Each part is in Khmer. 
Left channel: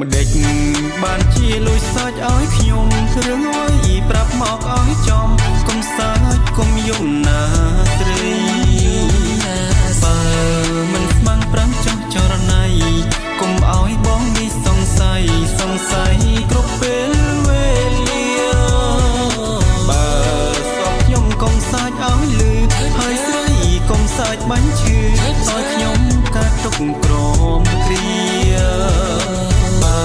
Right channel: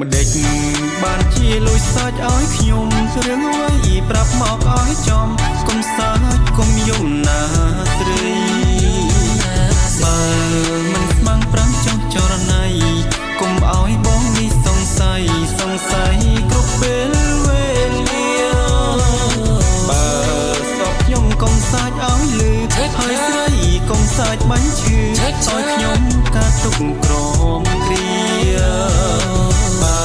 ម្ដេចបានជាលួចសាច់ឲ្យខ្ញុំរឿងអ្វីប្រាប់មកឲ្យចំកុំសាច់កុំយំណាស្រីបើមិនស្មាំងប្រាំចោះចរណៃកុំឲ្យបងនេះសង្ស័យគ្រប់ពេលវេលាបើស្អប់ខ្ញុំកុំសាច់ឲ្យលឺហើយស្រីកុំសាច់បាញ់ឈឺឲ្យខ្ញុំកាត់ទុកក្រមគ្រាបើ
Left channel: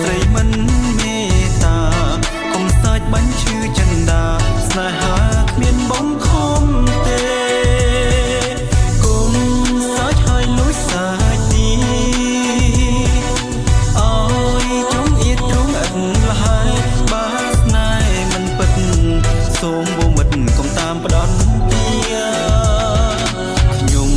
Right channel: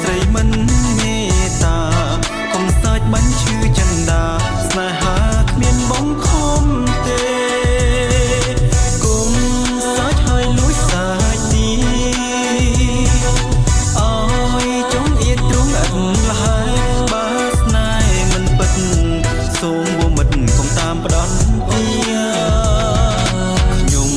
ស្រីមិនមេត្តាកុំសាច់បាញ់ឈឺចិន្តាស្នេហាគ្មានបងខំទេគុំសាច់ហើយលួចសាច់ទីអើយចង់អៀតទ្រង់ឥតលហើយបើស្នេហ៍មិនពិតសូមវមិតកុំតាមផ្ដន់ទាខ្ញុំ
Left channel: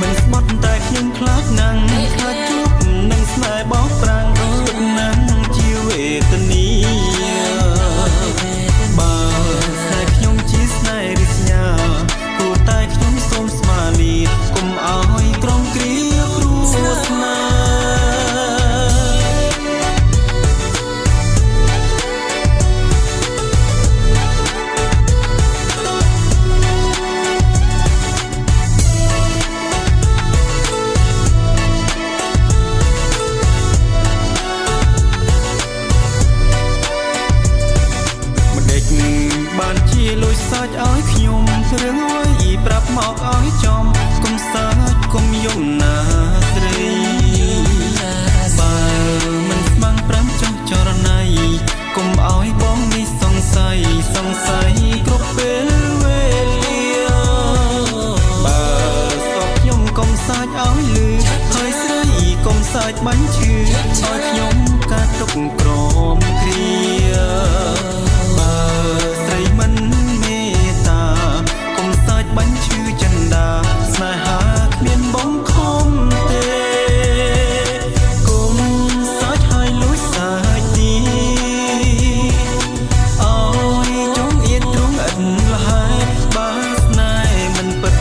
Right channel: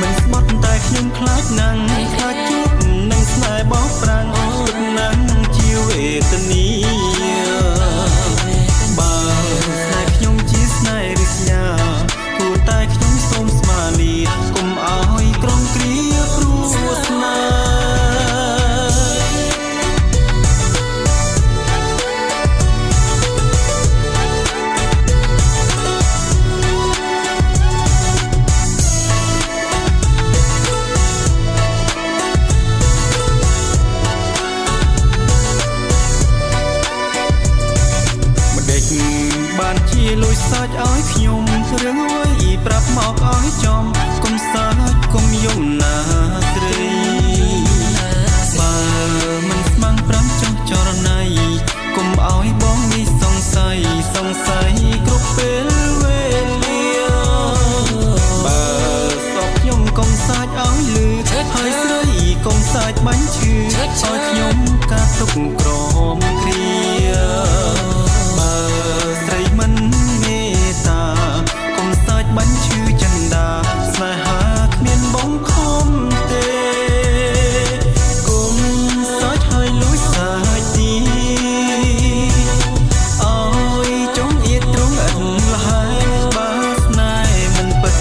មិនស្បត់តែខ្ញុំខ្លាចណាំងខ្លាចជួបនឹងស្នេហ៍បោកប្រាំងពិតណាស់ជាវេទនាបើស្នេហ៍ខ្ញុំជាស្នេហ៍រិស្យាគួរតែខ្ញុំសូមស្មាលាកុំឲ្យក្រំគ្រាព្រោះស្នេហ៍បានជាលួចសាច់ឲ្យខ្ញុំរឿងអ្វីប្រាប់មកឲ្យចំកុំសាច់កុំយំណាស្រីបើមិនស្មាំងប្រាំចោះចរណៃកុំឲ្យបងនេះសង្ស័យគ្រប់ពេលវេលាបើស្អប់ខ្ញុំកុំសាច់ឲ្យលឺហើយស្រីកុំសាច់បាញ់ឈឺឲ្យខ្ញុំកាត់ទុកក្រមគ្រាបើស្រីមិនមេត្តាកុំសាច់បាញ់ឈឺចិន្តាស្នេហាគ្មានបងខំទេគុំសាច់ហើយលួចសាច់ទីអើយចង់អៀតទ្រង់ឥតលហើយបើស្នេហ៍មិនពិត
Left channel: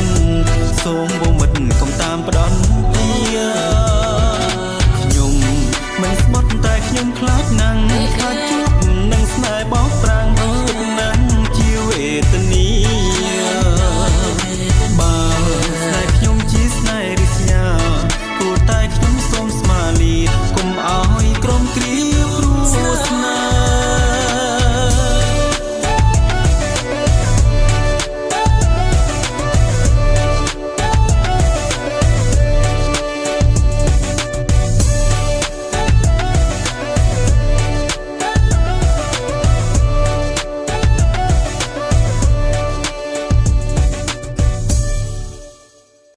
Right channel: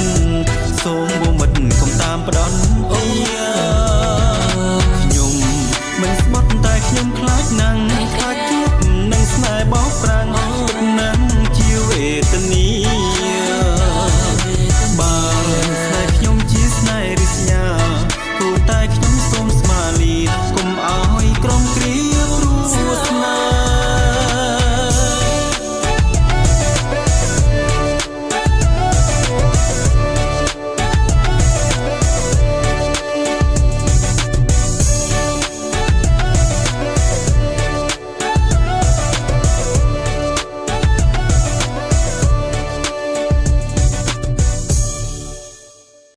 សូមវមិតកុំតាមផ្ដន់ទាខ្ញុំមិនស្បត់តែខ្ញុំខ្លាចណាំងខ្លាចជួបនឹងស្នេហ៍បោកប្រាំងពិតណាស់ជាវេទនាបើស្នេហ៍ខ្ញុំជាស្នេហ៍រិស្យាគួរតែខ្ញុំសូមស្មាលាកុំឲ្យក្រំគ្រាព្រោះស្នេហ៍